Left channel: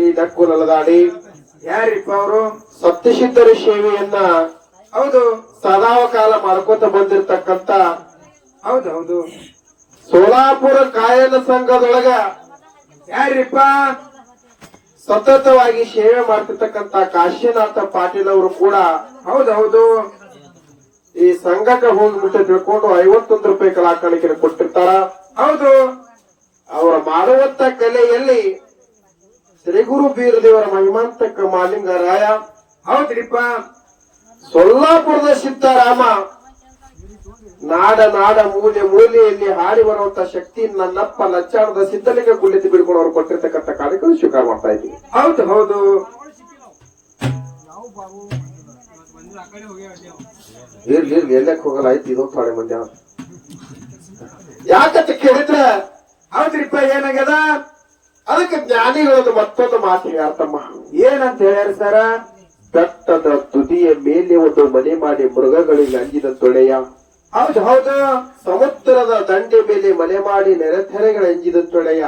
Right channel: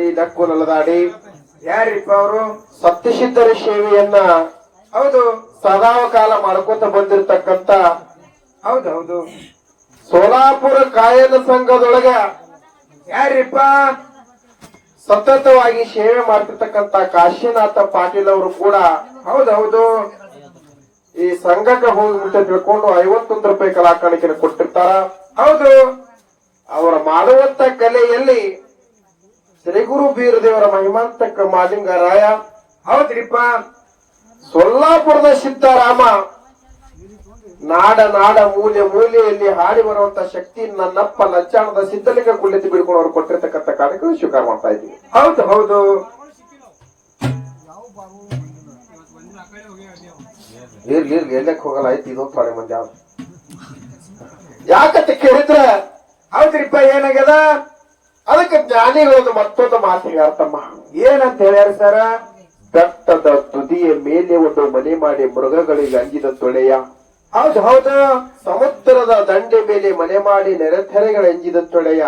ದಾಟಿ ದಕ್ಕು ನಲದಾಡಿ ಯಾರಿಪ್ಪ ಅವರು? ಸತ್ಯಸಿದ್ಧರ ಸೇವೆಯನ್ನ ಹೌದು. ಸದಾವ ಕಾಲ ಮಾಡ್ಕೋತ ಬಂದಿರತಕ್ಕಂತ ಹೌದು ಹೌದು ಸೋಲಾಪುರ ಕಾಯನ ಸಂಘದೊಳಗ ಯಾರಿಪ್ಪ? ಸತತವಾಗಿ ಸೇವೆ ಮಾಡ್ತಿರ್ತಕ್ಕಂತ ಕಾಶಿನಾಥ ಪಾಟೀಲ್ ಅವರು ಕೂಡ ಹೌದು ಹೌದು ಈ ಸಂಘಕ್ಕೆ ಹೋಗ್ಬಿಟ್ಟು ತಿಳ್ಕೊಂಡು ಐವತ್ತೊಂದು ರೂಪಾಯಿ ಕಲಾಕಾಣಿಕೆ ಕೊಟ್ಟಿರ್ತಾರ. ಹೌದು. ಅವರ ಮಾಡುವಂತ ಕಲೆಯಲ್ಲಿ ಶ್ರೀ ಗುರು ಬೀರದೇವರ ಮಹಿಮಾಂತಕ ಮಾಲಿಂಗರಾಯ ಹೌದ್ರಿಪ್ಪ. ಸೊಲ್ಲಾಪುರದ ಸಿದ್ದರಾಮ ನಾಡ ನಾಡ ಮೂಲೆ ಮೂಲೆಯಲ್ಲಿ ಹಾಡಿ ಬರುವಂತ ಶಕ್ತಿ ನನ್ನಪ್ಪ ನಚ್ಚಾಣದ ಸಿದ್ಧಲಿಂಗ ಕುಳಿತು ಬಿಡ್ಕೊಂಡು ಅವ್ರು ಕೊಟ್ಟಿರ್ತಕ್ಕಂಥ ಕಾರ್ಯಕ್ರಮ ಸ್ವೀಕಾರ ಮಾಡ್ತಾ ಇದ್ದೀವಿ. ಹೌದು ಹೌದು. ಇರ್ಲಿ ಇರ್ಲಿ ಎಲ್ಲಕ್ಕೆ ಹೋಗಲ್ಲ ಆಯ್ತು ಇದೊಂದು ಪಾಳೆ ಮಂದಿ ಯಾಕತ್ತ ಯಾಕಂತ ಕೇಳಿದ್ರೆ ಹೌದ್ರಿಪ್ಪ ಏನಾಗ್ಯದ? ಅದಕ್ಕೆ ಜ್ಞಾನಿಗಳದು ಮತ್ತೊಂದು ಮಾತಿಗೆ ಅರ್ಥಮ್ಮ. ಏನಂತ ಹೇಳ್ಯಾರ ಸರ? ಬೆಟ್ಟದ ತುದಿಯ ಮೇಲೆ ಒಂದು ಮನೆ ಮಾಡಿ ಮೃಗಗಳಿಗೆ ಅಂಜಿದ ತೊಳೆಯ. ಹೌದು ಹೌದು. ಸಮುದ್ರದ ದಂಡೆ ಮೇಲೆ ಮನೆ ಮಾಡಿ ನೆರೆಥೆರೆಗಳ ಅಂಜಿದ ತೊಳೆಯ.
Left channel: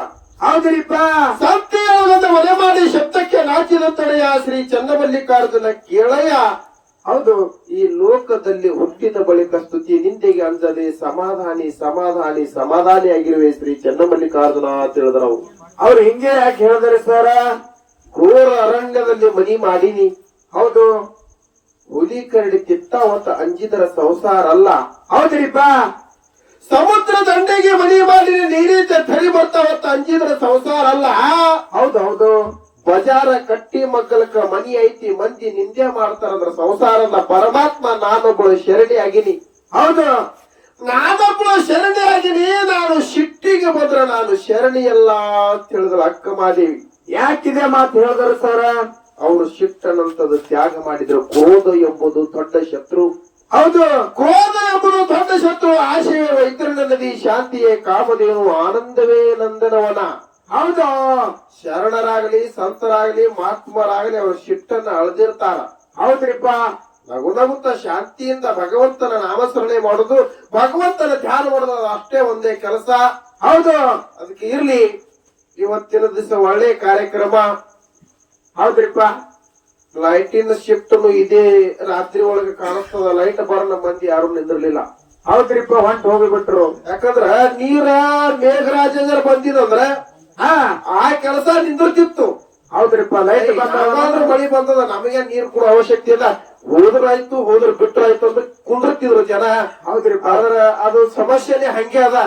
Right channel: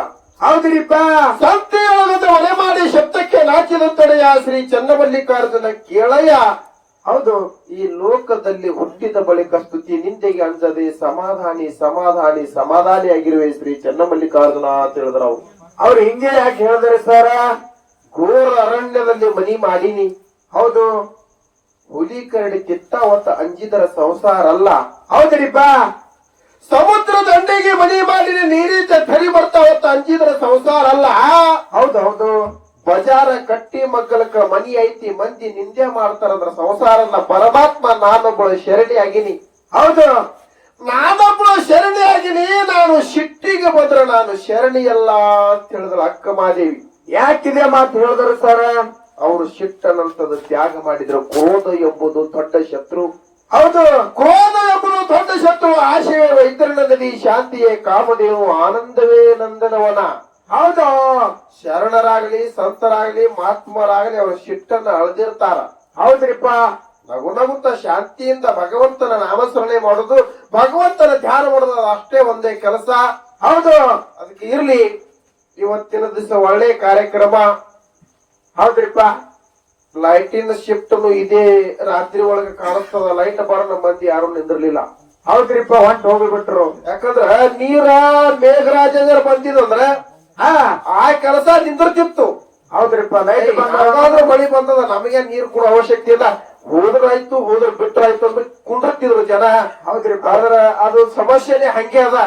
ಹೌದ್ರಿಪ್ಪ. ಸತ್ಯವಾದ ಮನೆ ಮಾಡಿ ಶಬ್ದಕ್ಕೆ ನಾಚಿದ ತೊಳೆಯ ಶ್ರೀ ಚನ್ನಮಲ್ಲಿಕಾರ್ಜುನ ಕೇಳಯ ಹೌದು, ಈ ಲೋಕದಲ್ಲಿ ಹುಟ್ಟಿದ ಬಳಿಕ ಸ್ತುತಿ ನಿಂದೆಗೆ ಅಂಜದೆ ಸಮಾಧಾನಿ ಸಮಾಧಾನಿ ಸಮಾಧಾನಿ ಆಗಿರುವೆ ಶ್ರೀ ಚನ್ನಮಲ್ಲಿಕಾರ್ಜುನ ತಿಳಿದ್ರವು. ಅವ್ರು ಹಿಂಗೆ ಯಾಕೆ ಹೇಳಿದ್ರೆ ಸರ? ಘೋರ ಅರಣ್ಯದಲ್ಲಿ ಮನಿ ಮಾಡಿನಿ. ಹೌದು. ಹುಲಿ ಕರಡಿ ಕಿತ್ತಾವತ್ತ ಅಂಜಿದರ ಸಂಸಾರ ಅಲ್ಲ. ಹೌದ್ರಿಪ್ಪ ಸಮುದ್ರ ದಂಡೆಗೆ ಮನಿ ಮಾಡಿ ನೀರಿದ್ದ ಥರಿ ಬರ್ತಾವತ್ತ ಅಂಜಿದರ ಸಂಸಾರ ಅಲ್ಲ. ಹೌದು ಹೌದು. ಬಜಾರ ಕಟ್ಟಿ ಮಗ್ಗಲಕ್ಕ ಮನಿ ಐತಿ, ಮಂದಿ ನಿಂದೆ ಮಾಡ್ತಾರಂದ್ರ ಸಂಸಾರ ಅಲ್ಲ. ಪರಮಾತ್ಮ ನಾನೊಬ್ಬಳು ಶರಣಿ ಆಗಿನಿ. ಹೌದು. ನಾನೊಬ್ಬಳು ಶರಣಿ ಆಗಿನಿ ನಾನು ಶಿಟ್ಟಿಗೆ ಬಂದ್ರ ನಾನು ಶರಣಿ ಅಲ್ಲ ಅಂತ ಹೇಳಿದ್ರು ಅಕ್ಕ ಮಾದೇವಿ ಯಾಕಿದೆ ಮಾತು ಹೇಳಿದ್ರು ಸರ? ಅವರು ಶಿಟ್ಟನಂತದ ತ್ಯಾಗ ಮಾಡಿದ್ರು. ಕ್ರೋಧ ಎಂಬುದು ದೊಡ್ಡ ಶತ್ರು. ಹೌದು. ಕ್ರೋಧ ಎಂಬುದು ದೊಡ್ಡ ಶತ್ರು. ಆಶಯ ವೈತರಣ ನದಿ ಶಾಂತಿಯೇ ಕಾಮದೇವು ಆನಂದವೇ ನಂದನವನ. ಹೌದು. ಶರಣರಾಗಲಿ ಸಂತರಾಗಲಿ ಮಹಾತ್ಮರಾಗಲಿ ಅವರು ಶಿಟ್ಟನ್ನ ಅಳದಿರ್ತಾರ. ಹೌದ್ರಿಪ್ಪ. ನಗು ನಗುತ್ತ ಶಾಂತಿಯಿಂದ ಭಗವಂತನ ನಾಮಸ್ಮರಣೆ ಮಾಡುದು ಭಗವಂತನ ಧ್ಯಾನ ಮಾಡುದು ಅದು ಅಷ್ಟೇ ಒಂದೇ ಕೆಲಸ. ಹೌದು. ಅದಕ್ಕೆ ಇರ್ಲಿ. ಇವತ್ತಿನ ದಿವಸ ಒಳ್ಳೆ ಕಾರ್ಯಕ್ರಮ. ಹೌದ್ರಿಪ್ಪ. ಲೈಟಿನ ಶಿಫ್ಟ್ ಇದೇ ರಾತ್ರಿ ಒಳಗೆ ಕಾಣಿಸ್ತದ. ಲೈಟ್ ಬರನ ಮಂದಿ ಯಾರು ನಿಂದಿರ್ಲಿಲ್ಲ. ಹೌದ್ರಿಪ್ಪ ಹೊಂಟ್ ಹೋಗ್ಬಿಟ್ರು. ಯಾಕಂದ್ರ ನೀರ ಮೇಘರಾಜಂದ್ರ ಬಂದಿದಂದ್ರ ಆ ಆ ಕೆಲಸ ನಿಂದಿರ್ತಿತ್ತು. ಹೌದ್ರಿಪ್ಪ ಲೈಟ್ ಮಳಿ ಬಂದದ ನಮಗೆ ನೀರು ಕೊಡೋ ಅವಶ್ಯಕತೆ ಇಲ್ಲ. ಹೋದ್ರಾಯ್ತು ಹೋದ್ರ ಬಿಟ್ರಾಯ್ತು ಅಂದ್ರೆ ಕುಂಡಿರ್ತಿದ್ರು ಜನ. ಹೌದ್ರಿಪ್ಪ. ಆದ್ರ ಅದು ಸಮಸ್ಯೆನೆ ಹಂಗೆ ಅದ.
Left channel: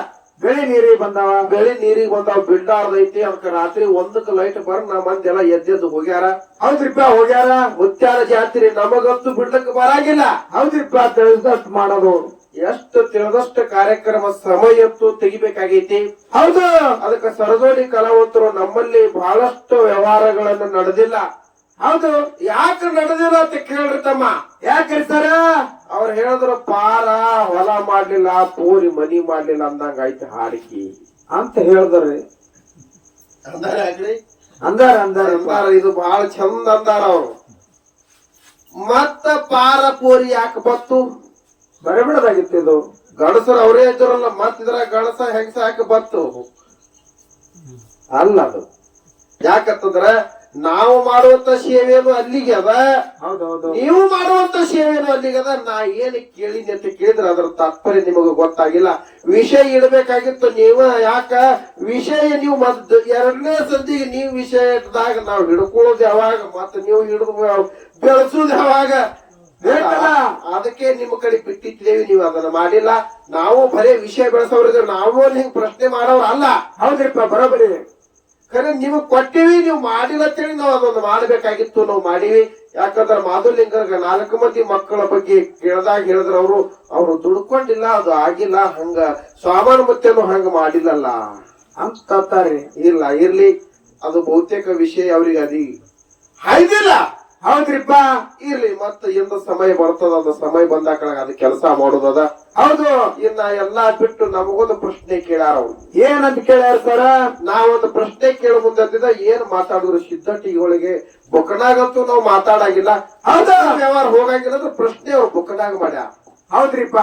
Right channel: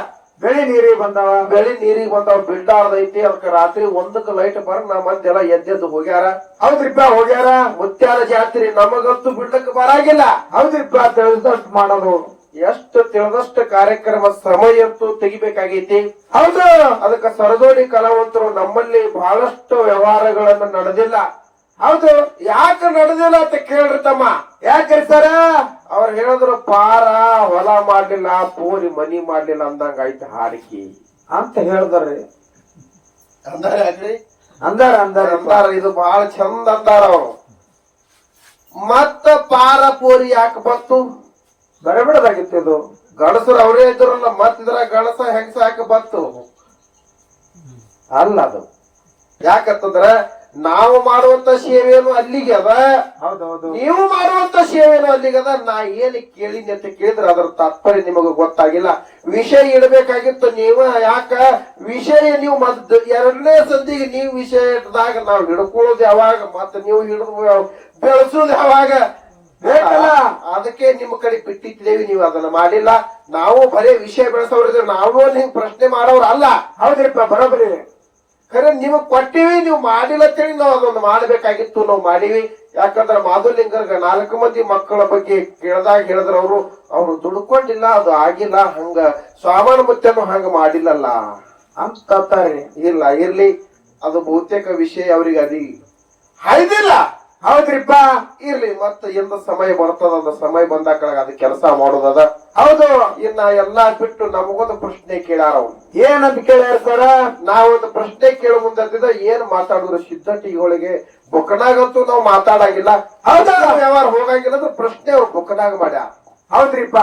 ಗಳಿ ನೀರಿಗೆ ಬಂದವ. ಗಳಿ ನೀರಿಗೆ ಬಂದಾವ ಬಿಡ್ಲಾರ್ದೈತಿ ಅದಕ್ಕೆ ರಾತ್ರಿ ಒಂದಕ್ಕೆ ಲೈಟ್ ಬರ್ ನಮ್ಮ ಮಂದಿ ಎಲ್ಲ ಎದ್ದೆದ್ದು ಹೋಗ್ಯಾರ. ಹೌದ್ರಿಪ್ಪ ಹೋಗ್ಯಾರ. ಮುತ್ಯಾಲ ಜಾತ್ರೆ ನಮಗಂತೂ ಬಿಡ್ಲಕ್ಕೆ ಬರಾಗಿಲ್ಲ. ಹೌದ್ರಿಪ್ಪ ತಿಳಿದಷ್ಟು ಮಾಡೋದು. ಎಷ್ಟು ತಿಳಿದಷ್ಟು ಕಾರ್ಯಕ್ರಮ ಸಮಯತ್ತು ತೆಗಿಬೇಕಾಗೈತಿ. ಹೌದು. ಅದಕ್ಕೆ ಸರದೋಡಿ ಕಲಾವಂತರು ನಮ್ಮಲ್ಲಿ ಬಹಳಷ್ಟು ವ್ಯವಹಾರಗಳನ್ನು ನಡೆದಿಲ್ಲ. ಹೌದು. ಯಾಕೆ ನಡೆದಿಲ್ಲ ಅಂತ ಕೇಳ್ರಿ ತಮ್ಮ. ಯಾಕೆ ಸರ? ಅವ್ರು ಹೇಳಿದ್ರು ಪಾರ ಹೊಲ ಮಾಡ್ಲಿಲ್ಲ ಪೂರಿ ಮನಿ ಮಾಡ್ಲಿಲ್ಲ ಅಂದಂಗ ಆಯ್ತು ಹಾಡಿಕೆ. ಅಂತ ಹೇಳಿದ್ರಿ. ಅಂದಾರ ಅಂದಾರ ಅಂದಾರ. ಅಂದಾರ ಇದು ಬಹಳ ಚಂದ ಅಂದಾರ ಅವರು. ಮತ್ತ ಪಾರ ಪೂರಿ ಯಾಕೆ ಬತ್ತು ಬರಬಿಡದಾಗಿತ್ತು ಇದು. ಗಣಸರು ಅವರೇ ಇದ್ರಲ್ಲ ಮತ್ತಿದ್ರ ಗಣಸ ಹೆಂಗಸ ಯಾಕೆ ಬಂತು? ಅಲ್ಲ ಅದು. ಯಾಕಂತಂದ್ರೆ ನಾವು ಮಾಡುವಂತ ಸೇವೆಯನ್ನು ಅಲ್ಲಿಗೆ ಅದ ನೀವು ಮಾಡುವಂತ ಸೇವೆಯನ್ನು ಅಲ್ಲಿಗೆ ಅದ. ನಾ ಏನು ಕೇಳಿನಿ ಅಂತ ಕೇಳಿದ್ರೆ ಅದರ ತಾತ್ಪರ್ಯ ನಿಮಗೆ ಗೊತ್ತಾಗಿಲ್ಲ. ವಿಷಯ ಇಡಬೇಕಾಗಿತ್ತು ನೀವ ಯಾಕ? ವಿಷಯ ನೀವು ಮದ್ ಎರಡನೇ ಸಂದಿಗೆ ನೀವು ವಿಷಯ ಇಟ್ಟದಾಗ ನಾವು ಹಿಡ್ಕೊಳ್ಳೋದು ಯಾವಾಗ? ಮತ್ತೆ ನೀವು ಹಿಡಿದು ಬೆಳೆಸೋದು ಯಾವಾಗ? ಬೇಕಲ್ಲ ಅದಕ್ಕೆ ನಿಮ್ಮ ಕಡೆ ಬಿಟ್ಟಿದ್ದೇವೆ ನೀವು ಅದನ್ನ ಮಾಡಿಲ್ಲ. ನಾವು ಬರೇ ವಿಷಯ ಬೆಳೆಸೋರಿದ್ರೆ ನಾವು ಹಿಂಗ್ ಪ್ರಶ್ನೆ ಮಾಡೋರು ಅಲ್ಲ. ಹೌದ್ರಿಪ್ಪ ಬರೋಬರಿ ಖರೆ ನೀವು ಕೊಟ್ಟಿವಿ ನೀವು ಮಾಡಿಲ್ಲ ಅಂತೇಳಿ ನಾವು ಅದೊಂದು ಮಾಡಬೇಕಾಗಿತ್ತು ನಾವು ಮಾಡಿವಿ. ಯಾಕಂದ್ರೆ ಮಾಧುಲಿಂಗರ್ಗ ನಾಲ್ಕು ಮಂದಿ ಮಕ್ಕಳ ಬಗ್ಗೆ ಕೇಳ್ದಾಗ ಹೇಳಿದ್ರ ಅವರು. ಅವರು ದುಡ್ಕೊಂಡಿಲ್ಲ ಅದು ಆಗಿಲ್ಲ ಹಂಗ ಸ್ವಾಮಾನ ಮುತ್ತೇನು ಹಂಗ ಮಾಡಿಲ್ಲಲ್ಲ. ಅಂತ ಕತ್ತಾರೆ ಇಲ್ಲ ಇರ್ಲಿ. ಅದು ಬಹುತೇಕ ವಿಷಯ ಅವ್ರಿಗೆ ಅದಿ. ಹಾಯ್ದಿಲ್ಲ ಹೌದ್ರಿಪ್ಪ? ಇರ್ಲಿ ಮತ್ತೆ ಎಂದ ಸಮಯ ಬರ್ತದ ಸಮಯ ಬಂದಾಗ ಅದು ಕೆಲಸ ಮಾಡೋದದ. ಹೌದು. ಇನ್ನ ಎಲ್ಲಾ ಬಿಟ್ಟು ನಮಗೊಂದು ಪ್ರಶ್ನೆ ಕೇಳಾರ ಏನಂತ ಕೇಳ್ಯಾರ ಸರ? ನಾವೊಂದು ಪ್ರಶ್ನೆ ಕೇಳೋ ಮುಂದಿದ್ದ ಏನ್ ಮಾತಾಡಿದ್ರು ಸಿದ್ಧಟಿಗಳಿಗೆ ಬುಕ್ಕನಾಗಂತೂ ನಾವು ಮಾತಾಡಂಗಿಲ್ಲ. ಹೌದಾ. ವ್ಯವಹಾರ ಹೋಗಂಗಿಲ್ಲ ಅಂದ್ರೆ ಪ್ರಶ್ನೆ ಅವ್ರು ಬುಕ್ಕನಾಗ ಮಾಡ್ಯ ಹೌದ್ರಿಪ್ಪ.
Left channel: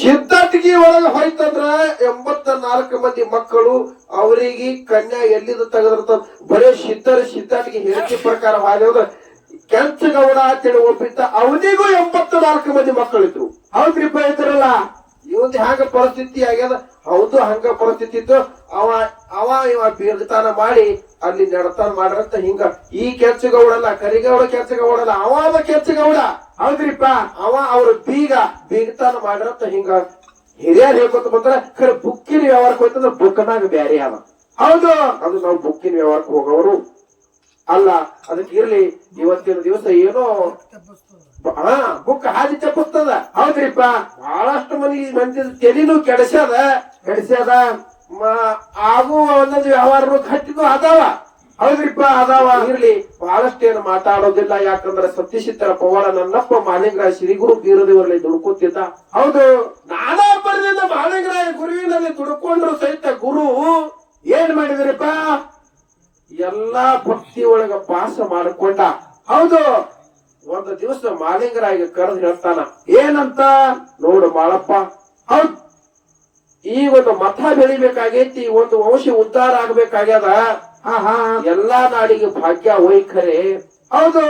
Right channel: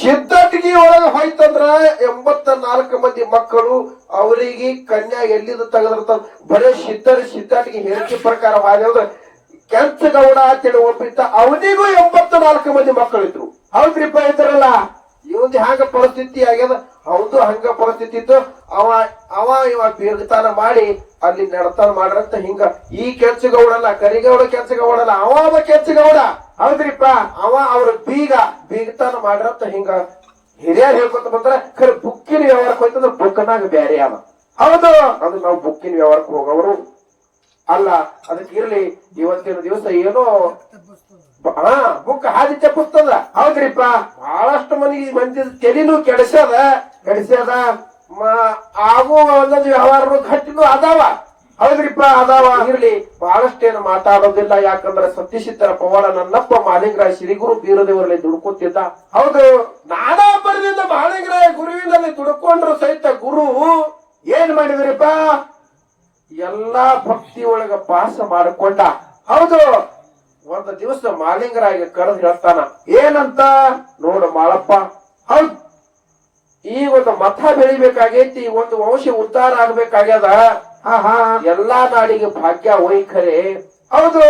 ಸಿದ್ಧಟಿಗೆ ಒಳಗೆ ಹೋಯ್ತಂದ್ರ ಎಂಬತ್ತ ನಾಲ್ಕು ಮಂದಿ ಮಕ್ಕಳು ಅವರಿಗೆ ಕನ್ಯಾ ಎಲ್ಲಿಂದ ತೆಗೆದಿರ್ತಾವ ಬರೇ ಸಿದ್ಧರ ಸಿದ್ಧಟಿಗೆ ಹೇಳಿಕೆ ಪ್ರಕಾರ ಹಾರಿಯೋದು ಕೆಂಚಗೌಡ ಅಂತೇಳಿ ಒಪ್ಪಿದ್ದ ಅವನಿಗೂ ಎಂಬತ್ತ ನಾಲ್ಕು ಮಂದಿ ಮಕ್ಕಳಿದ್ರು. ಹೌದ್ರಿಪ್ಪ ಇದ್ರಲ್ಲ. ಇವಂದ್ ಹಂಗ ಪರಿಸ್ಥಿತಿ ಆಗ್ಯದ? ಹೌದು, ಹಂಗ ಪರಿಸ್ಥಿತಿ ಇತ್ತು. ಅವ ಅವ, ಇವ ಬೀರ್ತಾನ ಮಾಡಿ ಅಲ್ಲಿ ನಡತಾನ ಮಾಡ್ರಂತ ಹಿಂಗ. ಈ ಕೆಂಚಗೌಡಲ್ಲ, ಕರಿಗೌಡ ಕೆಂಚಗೌಡಲ್ಲ ಅವ ಕೆಂಚಗೌಡ. ಹೌದ್ರಿಪ್ಪ ಅವ ಅವ್ರ ಬೀಗ ಬೀಗತಾನ ಮಾಡ್ರಂತ ಹಿಂಗ ಹಿರಿಯರ್ ಹೇಳ್ಕೊತ ಬಂದ್ರ ಖರೆ ಬುಕ್ಕಿನ ವ್ಯವಹಾರಕ್ಕೆ ಹೋಯ್ತಂದ್ರ ಬುಕ್ನಾಗ ಬ್ಯಾರೆ ಅವ. ಹೌದು. ಅದು ನಾವು ಬುಕ್ಕಿನ ವ್ಯವಹಾರಕ್ಕೆ ಹೋಗೋರು. ಅಲ್ಲ ಅದಕ್ಕೆ ಇರ್ಲಿ ಇವತ್ತಿನ ದಿವಸ ಏನೋ ಹಾ ಬುಕ್ ಹಾದಿ ತಪ್ಪಿಸ್ತದ ಹೌದ್ರಿಪ್ಪ. ಬಹಳಷ್ಟು ಮಂದಿ ಮಂದಿ ತೆಲಿನೂ ಕೆಡಿಸ್ಯದ. ಕೆಡಿಸ್ಯದ. ಆಗುವ ಆಗೋ ಒಂದೊಂದು ವ್ಯವಹಾರ ಗಟ್ಟಿನೂ ಅದಾವ. ಹೌದ್ರಿಪ್ಪ ಅದಾವ ಇರ್ಲಿ ಬಹಳಷ್ಟೇನು ಮಾತಾಡೋದಿಲ್ಲ. ಯಾಕಂದ್ರೆ ಸತ್ಯಶಿತ್ತರ ಪವಾಡ ನನ್ನಪ್ಪ ಮಾಲಿಂಗರಾಯ ಶ್ರೀಗುರು ಬೀರದೇವರಲ್ಲಿ ದುಡುಕುತ್ತಿದ್ದ ಹೌದು, ನಾನಾ ಬರದಿಂದ ಮಾಲಿಂಗರಾಯ ಗುರುವಿನಲ್ಲಿ ದುಡುಕೊಂಡ್ರು ಸಹಿತ ಗುರು ಏನ್ ಮಾಡಿದ್ರಿಪ್ಪ? ಎಲ್ಲಾ ಭಕ್ತಿ ಒಳಗ ಪಾಸ ಮಾಡಿಕೊಂಡ. ಹೌದು, ಒಂದು ದಿವಸ ಮಾಲಿಂಗರಾಯ ಕರೆದು ಹೇಳ್ತಾನ, ಏನಂತ? ನೋಡು ಮಾಳಪ್ಪ, ಹೌದು, ಈ ಒಂದು ಮತ ಬೆಳಿಬೇಕಾಗೈತಿ ಒಂದು ವಂಶ ಉದ್ಧಾರ ಆಗ್ಬೇಕಾಗ್ಯದ. ಎಲ್ಲಾ ನಾಡಿಗೆ ಭಾಗ್ಯ ವೈಖರೆ ಹೌದು.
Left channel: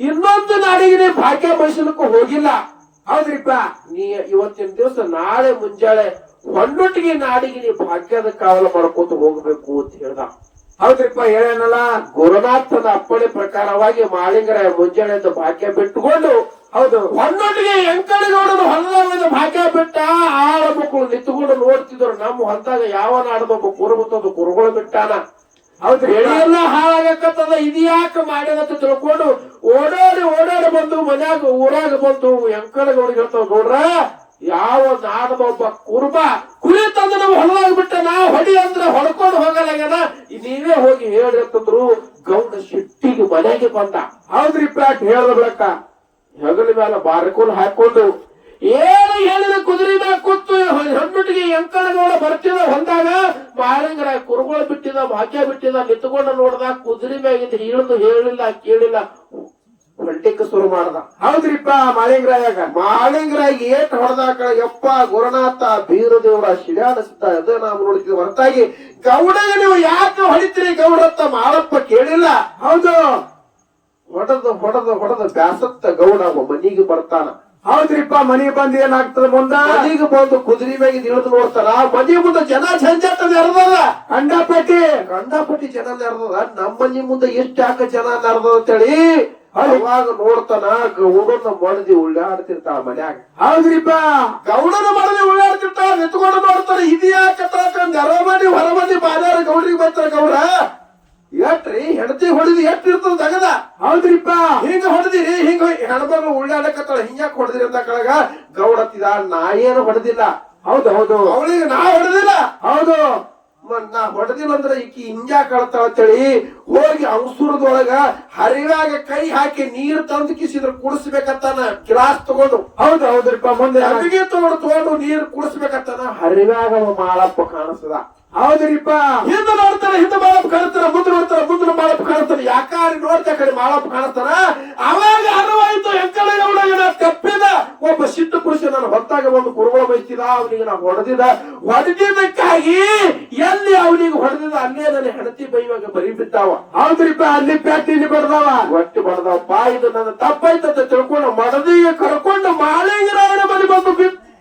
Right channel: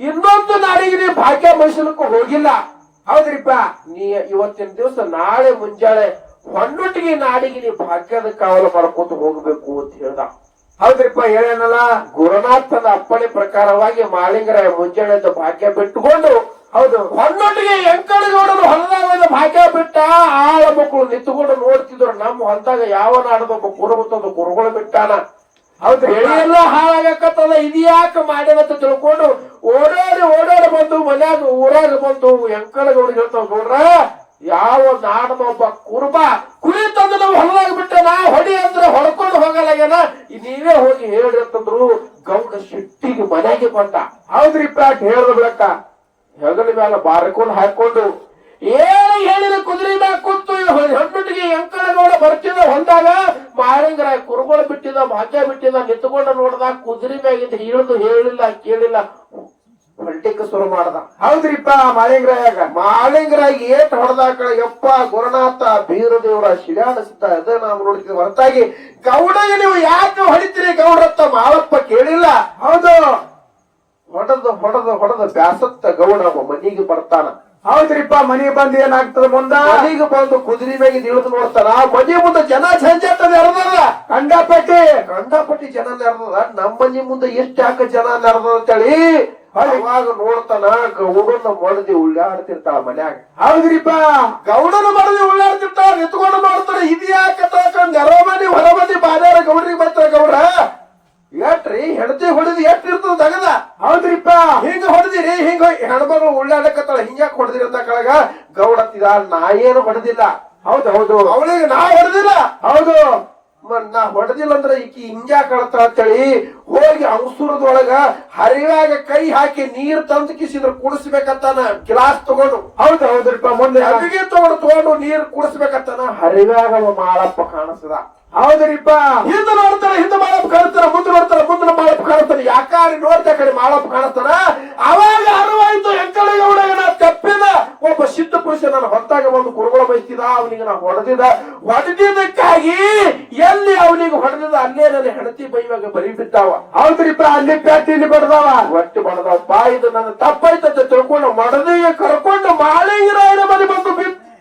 ಇನ್ನೊಂದು ನಾಡಿಗೆ ನೀವು ಭಾಗ್ಯ ಬಯಸಲಿಕ್ಕೂ ಹೋಗಿಲ್ಲ. ಹೌದ್ರಿಪ್ಪ ನೀ ಇವತ್ತಿನ ದಿವಸ ನಾಳೆ ಮುಂಜಾನೆ ಹೊನ್ನೊಟ್ಟಿಗೆ ನಾಡಿಗೆ ನೀವು ಭಾಗ್ಯದ ಕಾವಲು ಮಾಡ್ಕೋತ ಹೋಗ್ಬೇಕು ಅಂತ ಹೇಳ್ದ. ಹೌದ್ರಿಪ್ಪ ಹೇಳೇನಲ್ಲ ಗುರುನಾಥನ ಅಪ್ಪಣೆ ಪ್ರಕಾರವಾಗಿ ಮಾಳಿಗರ ಮುಂಜಾನೆ ಭಾಗ್ಯ ಬಿಟ್ಟುಕೊಂಡು ಹೌದು. ಹೊನ್ನೊಟ್ಟಿಗೆ ಬಿಟ್ಟ ಮಕ್ಕಳು ನಿಂತುಕೊಂಡು ನೋಡ್ತಿದ್ರು ನಮ್ಮ ಹೊಲದಾಗ ಯಾವ ನಾಡದಕ್ಕ ಕುರುಗುತ್ತದ ಕುರುಗಳು ಬಿಟ್ಟಾನ. ಹೌದ್ರಿ ಬೆಳೆಯೆಲ್ಲ ಹಾಳಾಗಕತ್ತದ ಇದ್ಯಾಕ ಮಾಡ್ಯದಂತ ತಿಳ್ಕೊಂಡು ಓಡಾಡಿ ಓಡಾಡಿ ಬಂದು ಮನ್ಯಾಗ ಊರಾಗ ಬಂದು ಎಂಕರಗಳು ಹೇಳ್ತಾವ ನೋಡ್ರ ಯಾವ ನಾಡದ ಒಬ್ಬ ಕುರುಬ ಕುರಿ ತಂದು ನಾವು ಹೊಲದಾಗ ಬಿಟ್ಟ ನಾ ಹೊಡಿ ಅಂದ್ರೆ ಹೊಡ್ಕೊಂಡು ಹೋಗಲಾಗ್ಯಾನ? ನೀವೇ ಹೋಗಿ ಹೇಳಿರ್ತಂದ್ರು ಗೌಡ ಸಿಟ್ಟಿಗೆ ಮನೆಗೆ ಬಂದ. ಹೌದ್ರಿಪ್ಪ ಹೇಳ್ದ ಬಿಡಕ್ಕ ಹೆಗಲ ಮೇಲೆ ಬಾರಿಕೊಂಡು ಹಾಕೊಂಡು ಏನು ಹೇಳಿದ ಕುದುರೆ ಮ್ಯಾಗ ಕೂತು ಹೆಣ್ಣಿಟ್ಟಿಗೆ ಎಂಕಣಗಳ ಬರ್ತಿದ ಹೊಂದಾಗ ಮಾರಂಗರ ಕುರುಗಳು ಬಿಟ್ಟಿದ ಭಾಗ್ಯ ಬಿಟ್ಟಿದ ನಿಂತುಕೊಂಡು ನೋಡ್ದ ಕುದುರೆ ಮ್ಯಾಗಿಂದ ಇಳಿದು ಹೇಳಿಲ್ಲ ಕೇಳಿಲ್ಲ. ಹೊಂಟಿಕ ಶುರು ಮಾಡ್ದ. ಹೌದ್ರಿಪ್ಪ ಮಾಳಿಂಗ್ರಾಯಾಗ. ಮಾಳಿಂಗರಾಯ ಏಟ್ ಹೊಡೆದಾಕ ಯಪ್ಪ ಗುರುನಾಥ ಬೀರದೇವರ ಶಿಲಾಡಿಸಿದ್ದ ಅದೇ ನಾವು ನೋಡ್ತೀವಿ ಹೊರತಾಗಿ ಗೌಡಗೆ ನೀವು ಯಾಕೆ ಹೊಡಿತೀರಿ ಗೌಡತ್ತ ಮಾಳಪ್ಪ ಕೇಳಿಲ್ಲ. ಹೌದು. ಹೊಡೆದು ಹೊಡೆದು ಹೊಡೆದು ಬ್ಯಾಸತ್ತ ಗೌಡ ಮನಿಗೆ ಬರ್ತಾನ. ಹೌದ್ರಿಪ್ಪ ಮನೆಗೆ ಬಂದ್ ಏನಾಗ್ತದ ಮುಂದ? ಈಗ ಬಂದು ಕುದುರೆ ಮ್ಯಾಗ ಇಳಿದು ನೋಡ್ತಾರ. ಮನೆ ಮುಂದೆ ಜನ ಝಂಜಾಟ ನೆರೆದದ ಕಂಡಪಟ್ಟಿ ಕಂಡಪಟ್ಟಿ ಜನ ನೆರೆದದ ನಮ್ಮ ಮನೆ ಮುಂದೆ ಎಷ್ಟು ಯಾಕ ಜನ ನೆರೆದ ಅಂತೇಳಿ? ಅವಾಗ ನೋಡ್ತಾನ ಗೌಡನ ಮಡದಿ ಉಳ್ಳಾಡ್ತಿರ್ತಾಳ ಮನ್ಯಾಗ. ಹೌದ್ರಿಪ್ಪ. ಗೌಡನ ಮಡದಿ ಉಳ್ಳಾಡ್ತಿರ್ತಾಳ ನಿಂತ್ಕೊಂಡು ಮಾಡ್ತಾರ ಇದು ಯಾಕ ನೆರ ಮನಿ ಹೊರ ಮನಿ ಬಾದ್ಯಾರ ಗೌಡ್ರಿಗೆ ಬರ್ತಾರ ಗೌಡ ಎಟ್ರಿ ಇರ್ತದ ತಗದ ಹೌದ್ರಿಪ್ಪ. ಹಿಂಗ ಹೊಡೆದಿರಿ ಹಿಂಗ ಹೆಣ್ಮಗಳು ಉಳ್ಳಾಡಕತ್ತಾಳ ಹಿಂಗ್ಯಾಕ್ ಹೊಡೆದಿರಿ ಅಂತ ಕೆಳಗ ಗೌಡತ್ತಿದ ನಾ ಏನು ಹೊಡೆದಿಲ್ಲ. ಹೌದು ಹೌದು. ಅವಳಿಗೆ ನಾ ಹೊಡೆದಿಲ್ಲ. ಹೌದು. ನಾ ಹೊಡೆದಿಲ್ಲ ಅಂದ್ರೆ ಈಕಿ ಹಿಂಜಾ ಕಳತ ಅಂತೇಳಿ ಹೋಗಿ ಅಂಸುರದೊಳಗ ಹರಿವಾಗ ಕೈ ಹಾಕಿ ನೀರ್ ತಂದು ಕಿಸಿದ್ರ ಕುಡಿಸ್ಬೇಕತ್ತಾನ ಗ್ಲಾಸ್ ತಗೊಂಡು. ಹೌದು ಹೌದ್ರಿಪ್ಪ. ಮುಂದೆ ಹರಿಗೆ ತಗೊಂಡು ತಗೊಂಡು ನೀರ್ ಕುಡಿಸ್ಬೇಕತ್ತಾನ ಹರಿವಾಗ ಮಾಳಪ್ಪ ಕಾಣಿಸ್ತದ ಹೌದ್ರಿಪ್ಪ. ಹಿಂದೆ ನೋಡ್ತಾನೆ ಹಿಂದೆ ಮಾಡಪ್ಪ ಕಾಣ್ತಾರ ಮುಂದೆ ನೋಡ್ತಾರ ಮುಂದೆ ಮಾಡಪ್ ಕಾಣ್ತಾರ. ಯಾಕಾರಿ ನೋಡ್ತಾ ಕಡೆ ಮಾಡಪ್ಪ ಕಾಣ್ತಾರ? ಅವಾಗ ಅರಿವಾಯ್ತು ಎಂಕಡೆ ನಾ ತಪ್ಪಿದ. ಒಬ್ಬ ಸಿದ್ಧ ಪುರುಷ ನಾನು ಹೊತ್ತಾಗ ಒಂದು ಕುರುಗಳ ಬಯಸ್ತಿದ ಅವನಿಗೆ ನಾ ಹೊಡೆದಿದ. ಹೊಡೆದಿದ್ದಕ್ಕಾಗಿ ಎಲ್ಲಿ ಅವನಿಗೆ ಹೊಡೆದಿದ ಅಲ್ಲೇ ನನ್ನ ಹೆಣತಿ ಬೈವಾಗ ಬರಿ ಬಿದ್ದಾವ. ಹೌದ್ರಿಪ್ಪ ಅಲ್ಲಿ ಪ್ಯಾಟಿಲಿ ಬರ್ದಾವ ಒಟ್ಟು ಬಡದಪ್ಪ ಇದು ನನ್ನ ತಪ್ಪಾಯ್ತಂತ ತಿಳ್ಕೊಂಡು ಮಡದಿಗೆ ಕರ್ಕೊಂಡು ಮಾಳಿಂಗರಾಯನ ಮನೆ ಬಂದು ಬಿಟ್ಟು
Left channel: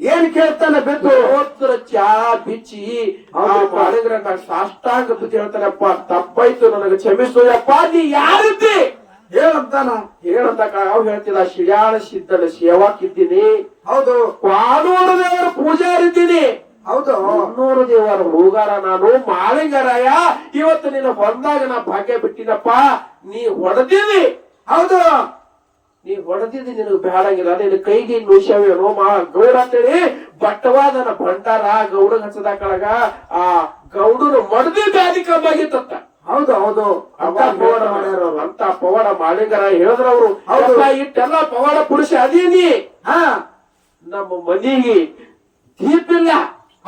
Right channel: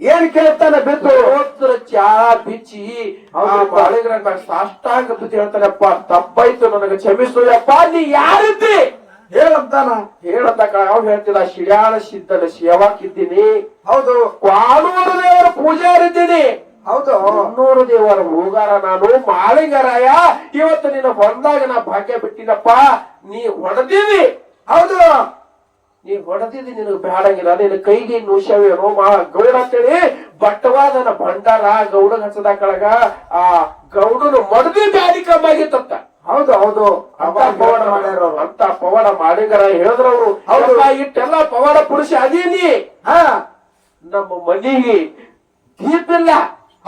ಏನ್ ಕೇಳ್ತಾನೆ ಬಿದ್ದು ಹೋದ್ರ ಚಾ ಬಿಚ್ಚಿ ಬಾಳಿಗರಂಗ ಸಾಷ್ಟಾಂಗ ಬುದ್ಧಿ ಹೇಳ್ತಾರಪ್ಪ ತಪ್ಪಾಯ್ತು ನನಗೆ ಕ್ಷಮಿಸು ಅಪ್ಪ ನೀ ಯಾರಿದ್ದಿ? ಹೇಳಂತಾನ? ಹೇಳಂತ ಅವ್ ಹೇಳ್ತೀರಾ ಶಿಯಾಳ ಸಿದ್ಧನ ಸೇವಾಕಿದ್ದೀನಿ ಹೌದು. ಕ್ವಾನೂರು ದೇವರ ಪೂಜಾರಿದ್ದೀನಿ. ಹೌದು. ಮುನ್ನೂರು ದೇವರ ಹೂಗಾರ ನಾನು ಮಾಳಿಗರಾಯ ಇವತ್ತು ನಿನ್ನ ಹೊಂದಾಗ ನಾ ಭಾಗ್ಯ ಬಿಟ್ಟಿನಪ್ಪ ನೀ ಹೊಡೆದಿದ್ದಿ. ಹೌದು. ನೀ ಹೊಡೆದಿದ್ದು ನಿನಗೆ ಬ್ಯಾಡಂಗಿಲ್ಲ ನಿನ್ನ ಕೈಗೆ ನುಷವೇನೋ ಮಾ ಗೌಡ ಅಂತೇಳಿ ಬಟ್ಟವಾದನ ಭಂಡಾರ ಗೌಡ ಹಚ್ಚದ ಕಳಗ ಆ ಗೌಡನು ಮಡದಿ ಬ್ಯಾದಿ ಕಮ್ಮಾಗಿತ್ತಂತ ಹೌದು ಹೌದು. ಅಂತ ಪವಾಡ ಮಾಡ್ಯಾರ ಅಂತ ಪವಾಡ ಮಾಡಿಗರ ಹೇಳಿದ್ರವ್ರು ಅವರು ಇಟ್ಟೆಲ್ಲ ಪವಾಡ ಪುರುಷ ಅದೇನಿ. ಹಾ. ನಮ್ಮ ಮನಿಗೆ ದೀಪಿಲ್ಲ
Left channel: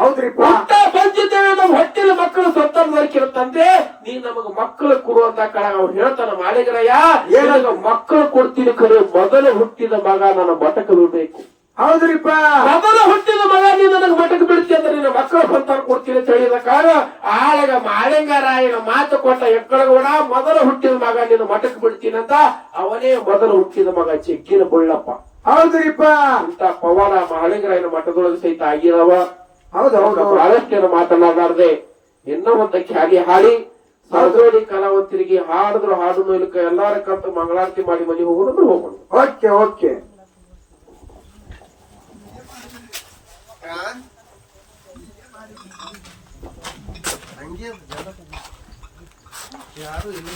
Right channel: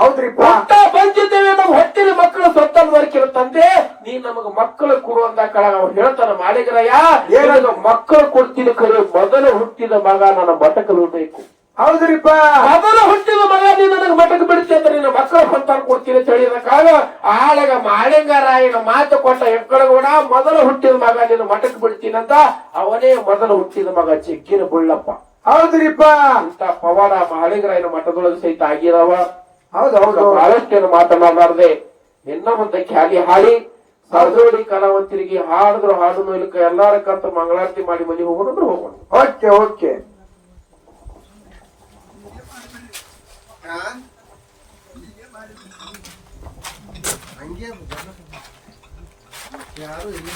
ಹೌದ್ರಿಪ್ಪ? ಊಟ ಬಂದಿದ್ದೇವೆ ನಾವು ಹೊಟ್ಟಿನ ಮಕ್ಕಳು ಸ್ವತಂತ್ರ ತಂದೆ ನೀ ನಮಗ ಮಕ್ಕಳು ಕೊಡುವಂತ ಕಳಗ ಅವ್ರು ಹೇಳ್ತಾನ ಮಾಳಿಗರಯ್ಯ ಏನದು? ಏನಗ ಮಕ್ಕಳು ಕೊಡ್ತೀನಿ ಕರೆ ಮೊದಲು ಹುಟ್ಟಿದ ಮಗ ನನ್ನ ಬಟಕಲು ಬೇಕು ಹೌದ್ರಿಪ್ಪ? ಮೊದಲ ಹುಟ್ಟಿದ ಮಗ ನೀ ನನಗೆ ಮಟಕ್ ಬಿಡ್ತಿ ಅಂದ್ರೆ ನಿನ್ನ ಮಕ್ಕಳ ಸಂತಾನ ಕೊಡ್ತೀನಿ ಹೇಳಿದ ಕಾಲ ಆಳಗ ಮಾಳಿಂಗರಾಯನ ಮಾತು ಕೊಟ್ಟ ಎಕ್ಕಳಗೌಡ ಮೊದಲ ಹುಟ್ಟಿದ ಮಗ ನಿನ್ನ ಮಟಕ್ ಬಿಡ್ತೀನಿ ಅಂತ ಅವನೇ ಮೊದಲ ಹುಟ್ಟಿದ ಮಗ ಚೆಕ್ಕಿನ ಬುಳ್ಳಪ್ಪ ಹೌದ್ರಿಪ್ಪ? ಅಂತ ಪವಾಡ ಮಾಳಿಂಗರಾಯನ ಮಠದೊಳಗೆ ಸಹಿತ ಆಗಿದಾವ ಹೌದು ಹೌದು ಬಹಳಷ್ಟೇನು ಮಾತನಾಡಲಾರ್ದೆ ಇನ್ನ ಒಂದಕ್ಕೆ ಹಾಗೆ ಹಾಡಿ ಸರ್ದೋಡಿ ಕಲಾವಂತರಿಗೆ ಹಾಡಿದ್ರು ಹಾಡು ಮೂಲಕ ಎಲ್ಲಾರ ಕರ್ತ ಮಂಗಳಾರತಿ ಮಾಡಿ ಮನೆ ಹೋಗೋದಂದ್ರೆ ಹೋಗೋಣ. Okay okay. ಹಂಗೆ ಯಾರು ಇಲ್ಲ.